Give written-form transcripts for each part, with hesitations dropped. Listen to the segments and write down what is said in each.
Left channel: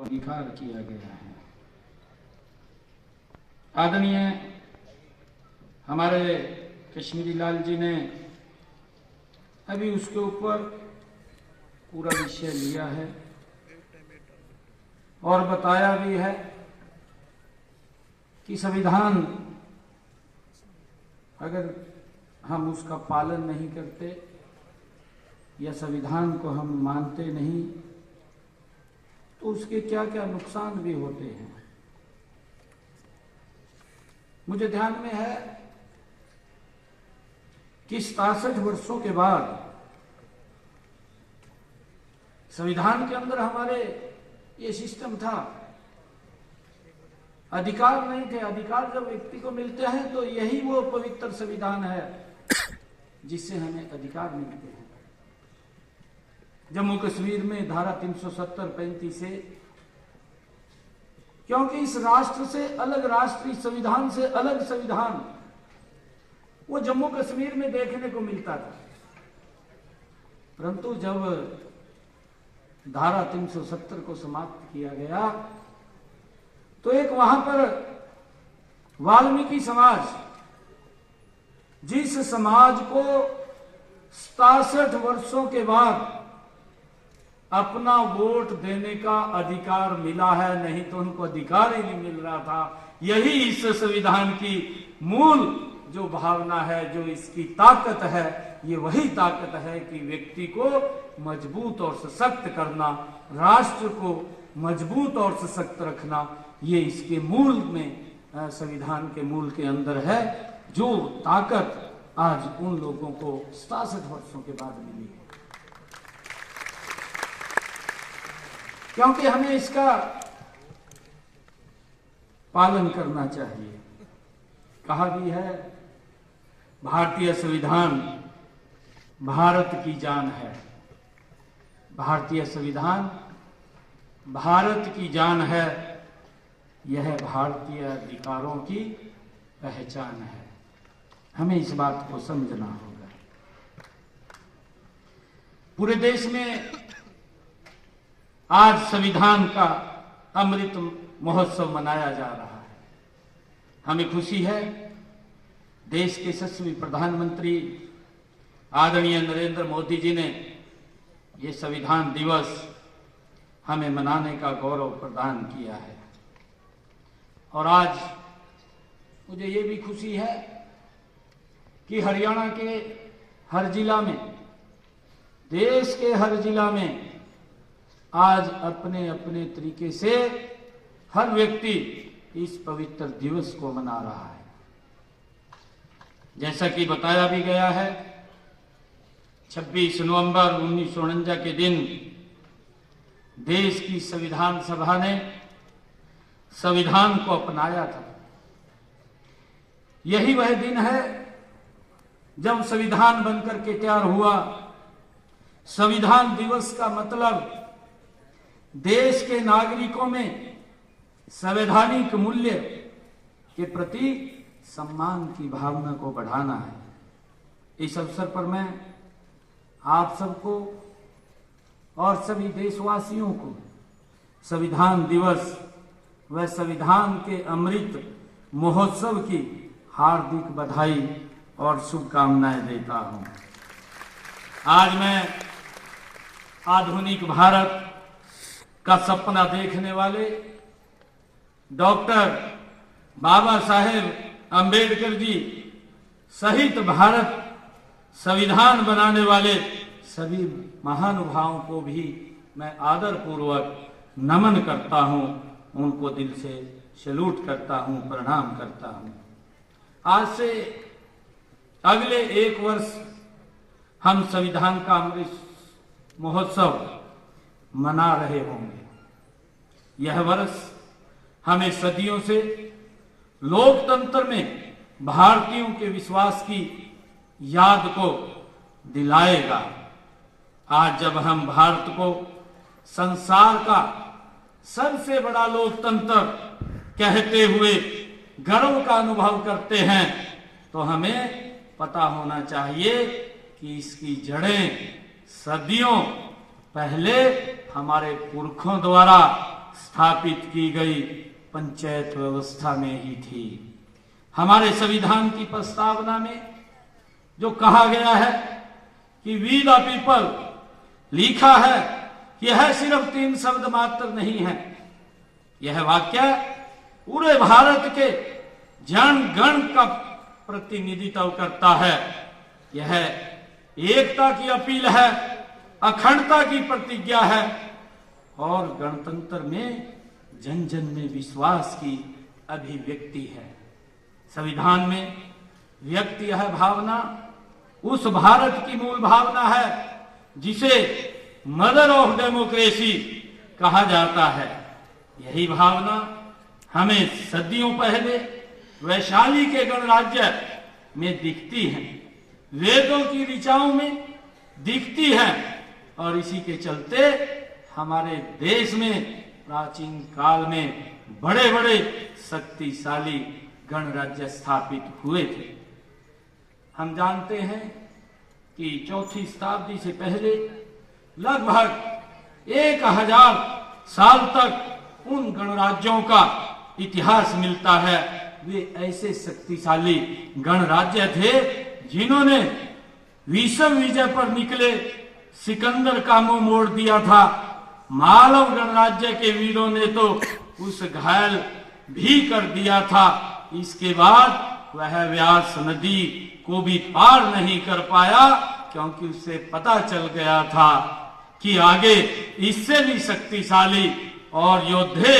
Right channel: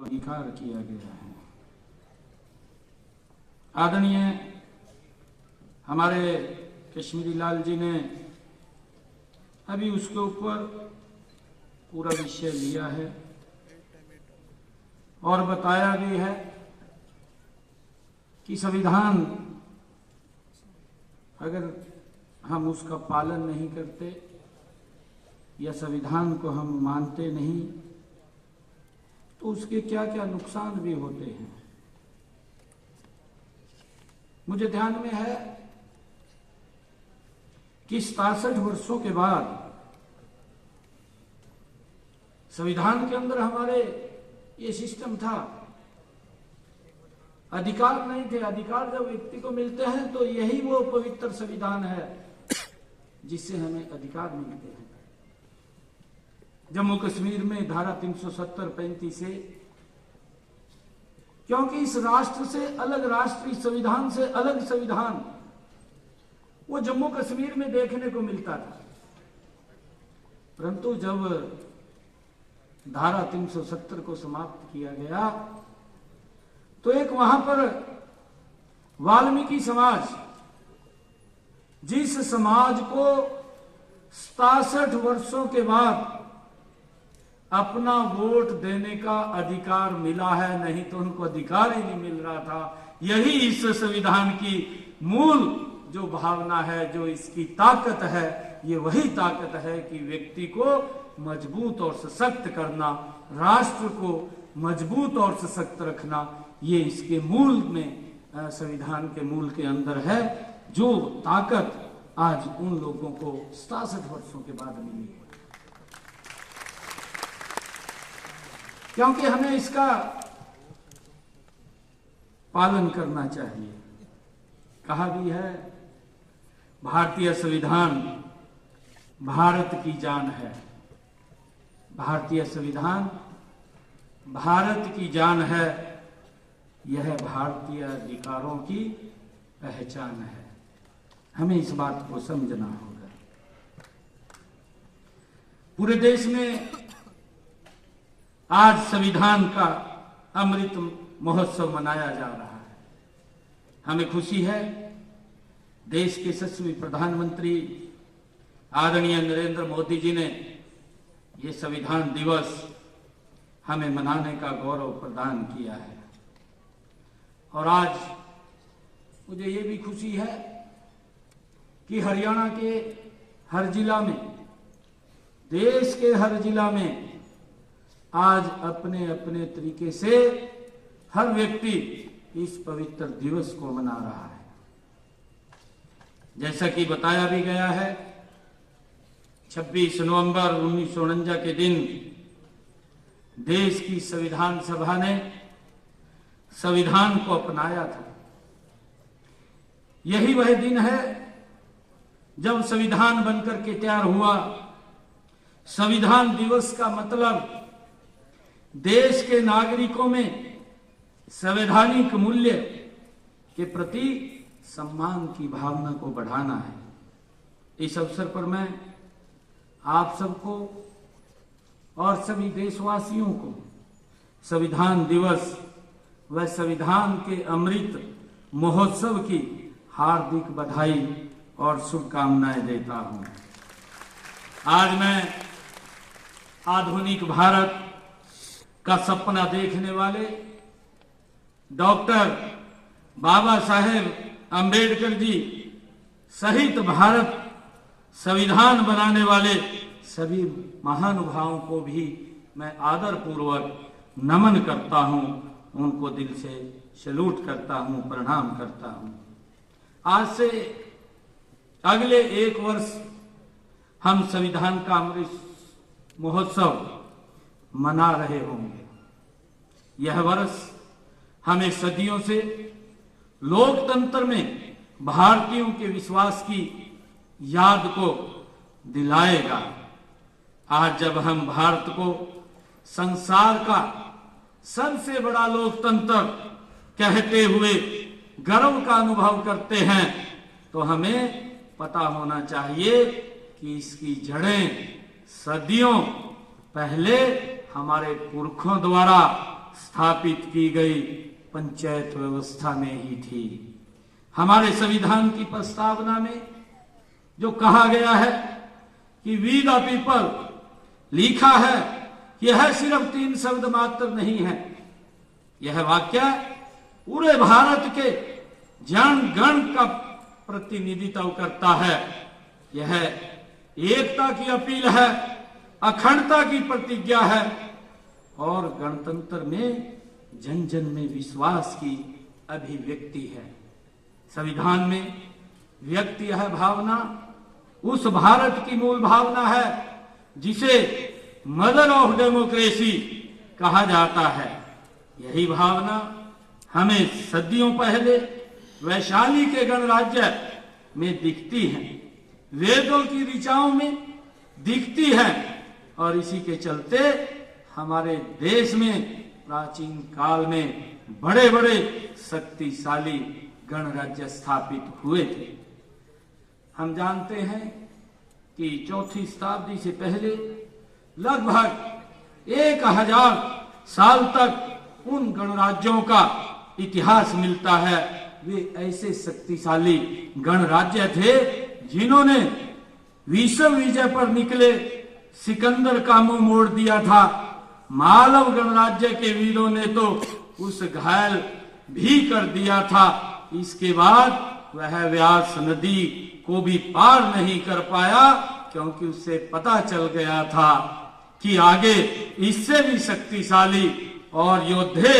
अंगीकार किया गया है। आदरणीय हमारे कश्मीरी लाल जी ने अभी उसके ऊपर पूरा विषय लिया है और बताया भी है कि संविधान अगर हम उसका पालन नहीं करते या संविधान को हम मानते नहीं तो उसके क्या क्या नुकसान भी होते हैं। मुझे ध्यान में है कि 67 वर्षों के बाद संविधान के अंदर हमारे ये सिस्टम था, अधिकार नहीं थे। अधिकार जब व्यक्ति को मिलते हैं तो यही वो पवित्र संविधान है जिससे हमें अधिकार मिलते हैं। जम्मू कश्मीर में धारा 370-35 से, क्योंकि इस राष्ट्र से अलग राष्ट्रीय संविधान से अलग संविधान वो जम्मू कश्मीर में देखने को मिलता था, परंतु जब धारा 370 को समाप्त किया गया तो एक वहां पर वाल्मीकि समाज, जिस समाज को 67 वर्षों के बाद अपना वोट देने का अधिकार मिला है, नहीं तो उनको अधिकार ही नहीं मिल रहा था। यही इस संविधान की मूल जो भावना है, जो इसकी ताकत है, ये वही ताकत है कि व्यक्ति को मजबूत और सशक्त करना, राष्ट्र को मजबूत और सशक्त रखना, ये इसके मूल में, संविधान के मूल के अंदर है, जो ताकत आज उन लोगों को 67 वर्षों के बाद मिली है। क्योंकि हमें इसका पालन करना चाहिए। कहा भी है भारतीय संविधान भारत की जान है। भारतीय संविधान भारत की जान है, यह भारतीय अधिकारों की पहचान है। हमें इस बात को समझना होगा। पूरे देश में आज संविधान का अमृत महोत्सव मनाया जा रहा है। हमें खुशी है, देश के यशस्वी प्रधानमंत्री आदरणीय नरेंद्र मोदी जी ने ये संविधान दिवस हमें मनाने का गौरव प्रदान किया है। और आज मुझे ये भी खुशी है कि हरियाणा के हर जिला में, देश के हर जिला में आज अपने अपने तरीके से हर व्यक्ति इस पवित्र दिवस को मना रहा है। जैसा कि बताया भी गया है, 26 नवंबर 1949 के दिन देश की संविधान सभा ने संविधान को अपनाया था। यही वह दिन है जब संविधान बनकर के तैयार हुआ। संविधान दिवस का मतलब देश के नागरिकों में संवैधानिक मूल्य के प्रति सम्मान की भावना को बढ़ाना है। इस अवसर पर मैं आप सबको और सभी देशवासियों को संविधान दिवस व संविधान के अमृत महोत्सव की हार्दिक बधाई और शुभकामनाएं देता हूं। आज मैं आधुनिक भारत का सपना देखने वाले डॉक्टर बाबा साहेब अंबेडकर जी सहित भारत संविधान बनाने वाले सभी महानुभावों को भी मैं आदर पूर्वक नमन करता हूं, उनको दिल से सैल्यूट करता हूं, प्रणाम करता हूं। आज से अगले 1 वर्ष हम संविधान का अमृत महोत्सव मना रहे होंगे। यह वर्ष हमें सदियों से लोकतंत्र में भारतीयों के विश्वास की याद को दिलाएगा। आज जब हम भारत को संसार का सबसे बड़ा लोकतंत्र कहते हुए गर्व का अनुभव करते हैं, तो हमें पता होना चाहिए कि इसकी जड़ें सदियों पहले हमारे पुरखों द्वारा स्थापित की गई पंचायत व्यवस्था में ही थी। हमारे संविधान की प्रस्तावना में जो कहा गया है कि वी द पीपल, लिखा है, यह सिर्फ 3 शब्द मात्र नहीं है। यह वाक्य पूरे भारत के जन गण का प्रतिनिधित्व करता है। यह एकता की अपील है, अखंडता की प्रतिज्ञा है और गणतंत्र में जन जन में विश्वास की अभिव्यक्ति है। संविधान में व्यक्त यह भावना उस भारत की मूल भावना है जिसे मदर ऑफ डेमोक्रेसी कहा जाता है। यही भावना हमें सदियों पहले वैशाली के गणराज्य में दिखती है, वेदों की ऋचाओं में दिखती है और इसी के चलते हमारे देश में प्राचीन काल में बड़े बड़े शक्तिशाली गणराज्य स्थापित हुए थे। हम जानते हैं कि 4वीं शताब्दी से पहले लगभग 1000 साल तक उन गणराज्यों का इतिहास मिलता है। वे ऐसे शक्तिशाली गणराज्य थे जिन्होंने विश्व विजय पर निकले सिकंदर का मुंह मोड़ दिया था। मालव गणराज्य के वीरों ने तो उस घायल भी कर दिया था। इसके बाद वह व्यास नदी को भी पार नहीं कर पाया क्योंकि उससे पता चल गया था कि आगे इससे भी शक्तिशाली और योद्धे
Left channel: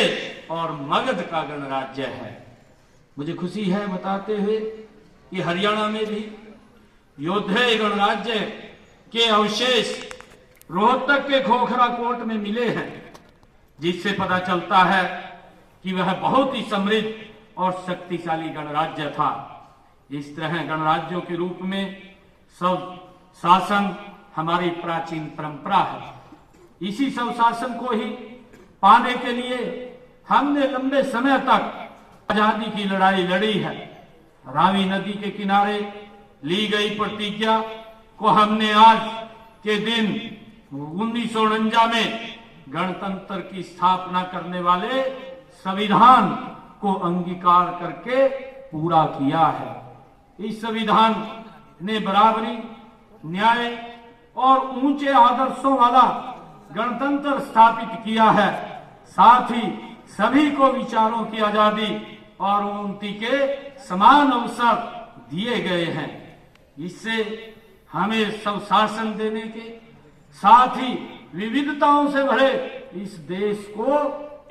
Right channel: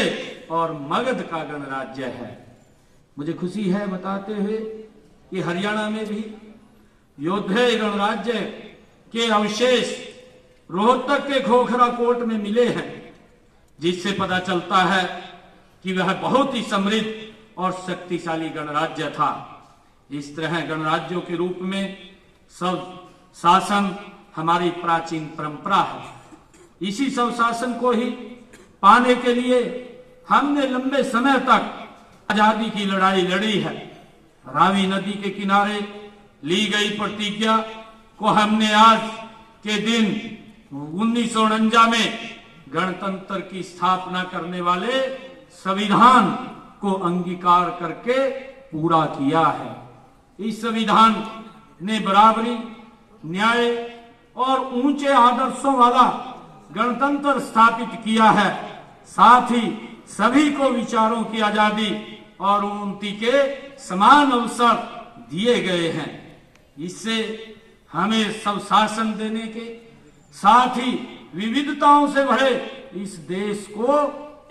और मगध का गणराज्य है। मुझे खुशी है बताते हुए कि हरियाणा में भी योद्धे गणराज्य के अवशेष रोहतक के खोखरा कोट में मिले हैं, जिससे पता चलता है कि वह बहुत ही समृद्ध और शक्तिशाली गणराज्य था। इस तरह गणराज्यों के रूप में सब शासन हमारी प्राचीन परंपरा है। इसी सब शासन को ही पाने के लिए हमने लंबे समय तक आजादी की लड़ाई लड़ी है। रावी नदी के किनारे ली गई प्रतिज्ञा को हमने आज के दिन 1949 में गणतंत्र की स्थापना करने वाले संविधान को अंगीकार करके पूरा किया है। इस संविधान ने बराबरी, न्याय और ऊंचे आदर्शों वाला गणतंत्र स्थापित किया है। साथ ही सभी को विचारों की आजादी और उन्नति के समान अवसर दिए गए हैं। इससे हमें सुशासन देने के साथ ही विविधताओं से भरे इस देश को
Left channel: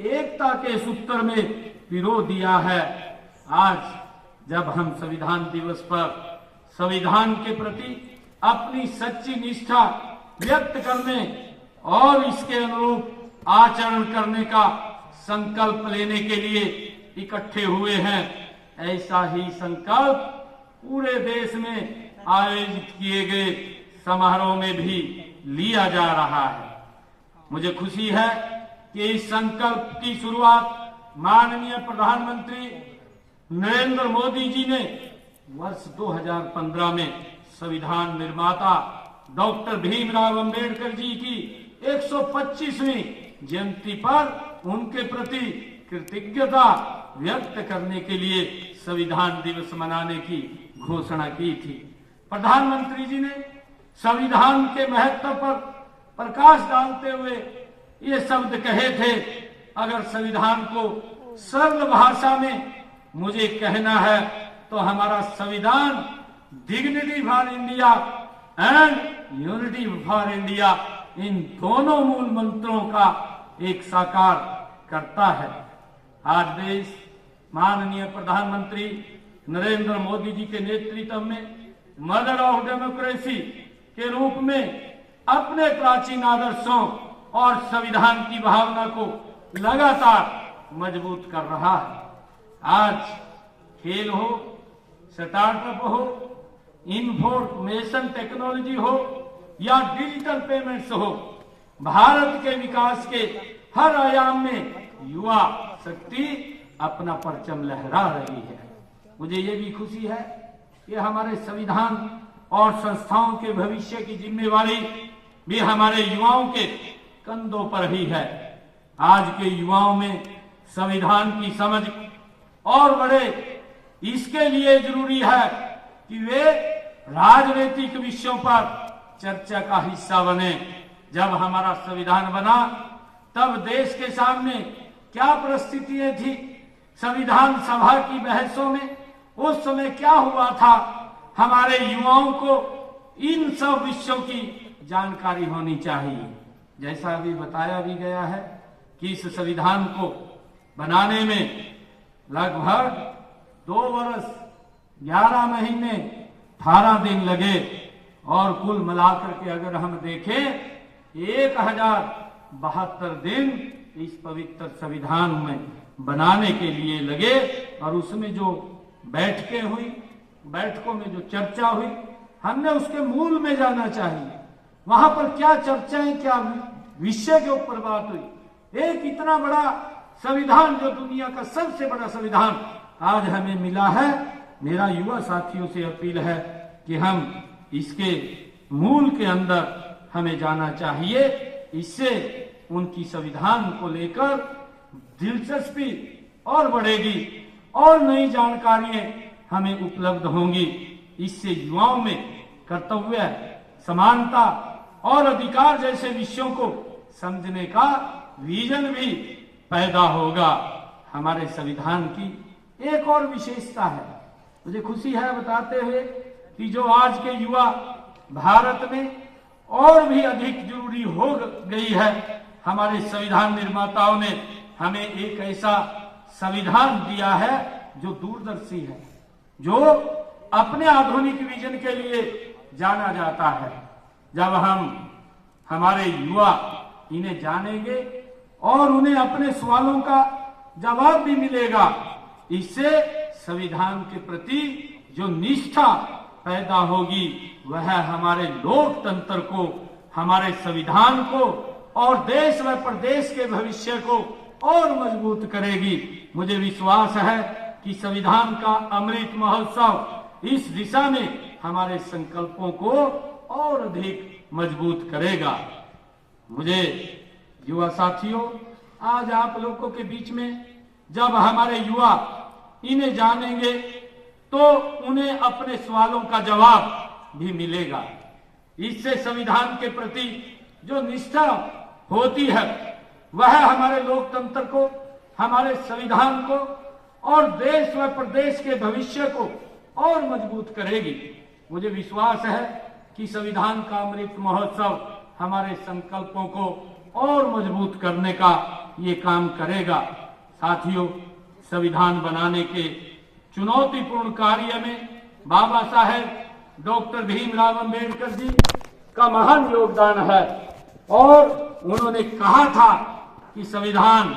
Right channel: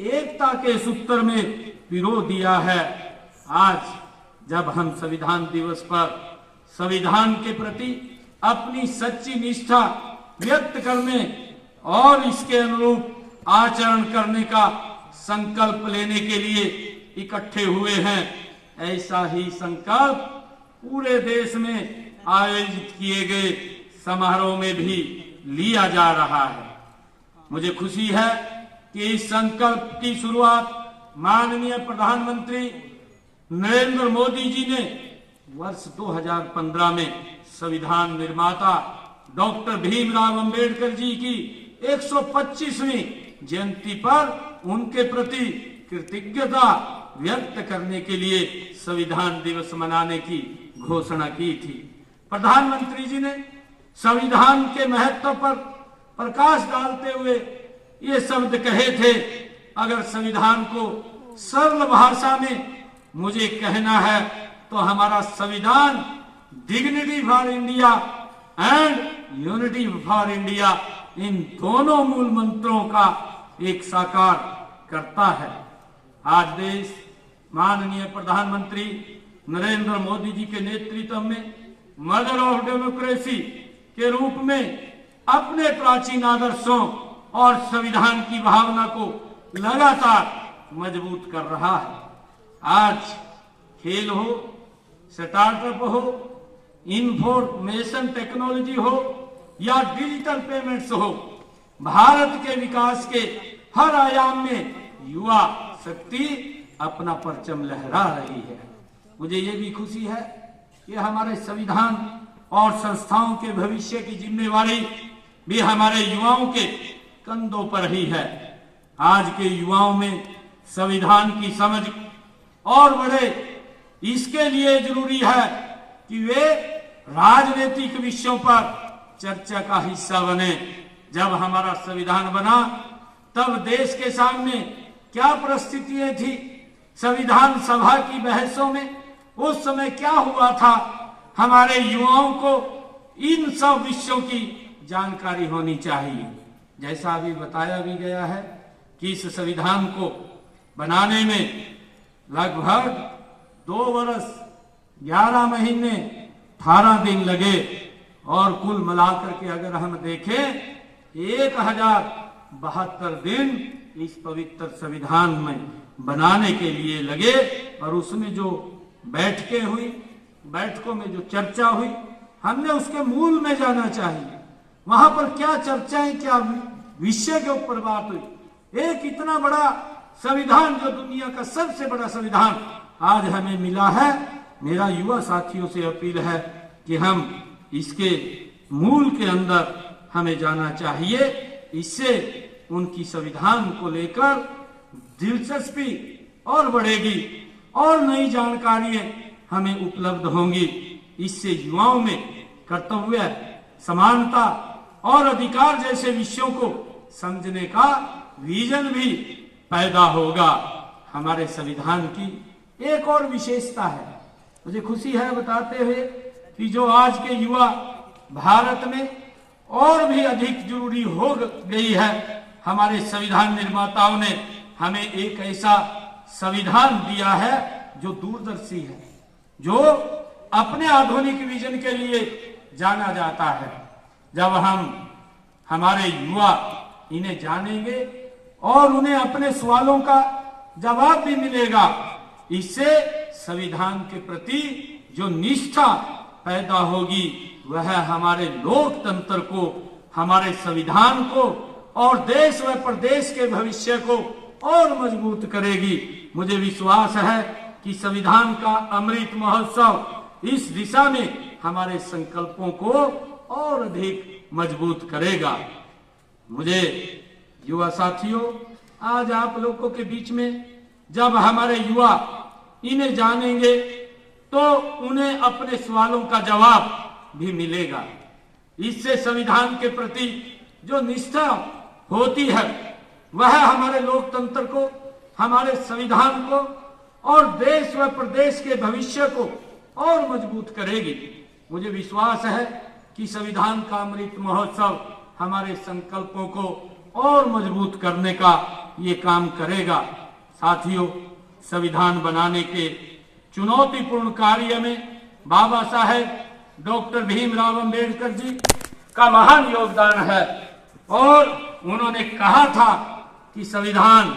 एकता के सूत्र में पिरो दिया है। आज जब हम संविधान दिवस पर संविधान के प्रति अपनी सच्ची निष्ठा व्यक्त करने और इसके अनुरूप आचरण करने का संकल्प लेने के लिए इकट्ठे हुए हैं, ऐसा ही संकल्प पूरे देश में आयोजित किए गए समारोह में भी लिया जा रहा है। मुझे खुशी है कि इस संकल्प की शुरुआत माननीय प्रधानमंत्री नरेंद्र मोदी जी ने वर्ष 2015 में संविधान निर्माता डॉक्टर भीमराव अंबेडकर जी की 125वीं जयंती पर उनके प्रति कृतज्ञता व्यक्त करने के लिए संविधान दिवस मनाने की घोषणा की थी। प्रधानमंत्री जी ने संविधान के महत्व पर प्रकाश डालते हुए ये शब्द कहे थे, अगर संविधान को सरल भाषा में मुझे कहना है तो हमारा संविधान dignity for India and unity for India, इन दोनों मूल मंत्रों का एक साकार करता है। आज देश माननीय प्रधानमंत्री नरेंद्र मोदी जी के नेतृत्व में मदर ऑफ डेमोक्रेसी के रूप में अपने प्राचीन आदर्शों और संविधान की भावना को लगातार मजबूत कर रहा है। आज खेल हो, स्टार्टअप हो, इंफॉर्मेशन टेक्नोलॉजी हो या डिजिटल पेमेंट्स हो, भारत के विकास के हर आयाम में युवा शक्ति अपना परचम लहरा रही है। मुझे ये भी खुशी है कि हमारे संविधान और संस्थाओं के भविष्य की जिम्मेवारी भी हमारे युवाओं के कंधों पर ही है। आज के युवाओं में संविधान की समझ और बढ़े, इसके लिए जरूरी है कि वे राजनीतिक विषयों पर चर्चा का हिस्सा बने। जब हमारा संविधान बना तब देश के सामने क्या परिस्थितियां थी, संविधान सभा की बहसों में उस समय क्या हुआ था, हमारे युवाओं को इन सब विषयों की जानकारी होनी चाहिए। जैसा अभी बताया भी गया है कि इस संविधान को बनाने में लगभग 2 वर्ष 11 महीने 18 दिन लगे और कुल मिलाकर के अगर हम देखें 1072 दिन इस पवित्र संविधान में बनाने के लिए लगे। और उसमें जो बैठकें हुई, बैठकों में जो चर्चा हुई, हमने उसके मूल में जाना चाहिए। वहां पर क्या चर्चाएं, क्या विषय के ऊपर बात हुई। एक इतना बड़ा संविधान, जो दुनिया का सबसे बड़ा संविधान आज हमें मिला है, मेरा युवा साथियों से अपील है कि हम इसके मूल के अंदर हमें जाना चाहिए। इससे उनकी संविधान को लेकर दिलचस्पी और बढ़ेगी और नई जानकारियां हमें उपलब्ध होंगी। इससे युवाओं में कर्तव्य, समानता और अधिकार जैसे विषयों को समझने का विजन भी पैदा होगा। हमारे संविधान की एक और विशेषता है, मुझे खुशी है बताते हुए कि जो आज के युवा भारत में और भी अधिक जरूरी हो गई है। हमारे संविधान निर्माताओं ने हमें एक ऐसा संविधान दिया है जो दूरदर्शी है, जो अपने आधुनिक विजन के लिए जाना जाता है। जब हमारे युवा इन्हें जानेंगे और उन्हें अपने सवालों का जवाब भी मिलेगा, इससे संविधान के प्रति जो निष्ठा पैदा होगी वह हमारे लोकतंत्र को, हमारे संविधान को और देश व प्रदेश के भविष्य को और मजबूत करेगी। मुझे विश्वास है कि संविधान का अमृत महोत्सव इस दिशा में हमारे संकल्पों को और अधिक मजबूत करेगा। मुझे युवा साथियों, आज आप लोगों के बीच में जब हमारे युवा इन्हें जानेंगे तो उन्हें अपने सवालों का जवाब भी मिलेगा। इससे संविधान के प्रति जो निष्ठा होती है वह हमारे लोकतंत्र को, हमारे संविधान को और देश व प्रदेश के भविष्य को और मजबूत करेगी। मुझे विश्वास है कि संविधान का अमृत महोत्सव हमारे संकल्पों को और मजबूत करने का ये काम करेगा। साथियों, संविधान बनाने के चुनौतीपूर्ण कार्य में बाबा साहेब डॉक्टर भीमराव अंबेडकर जी का महान योगदान है और उन्होंने कहा था कि संविधान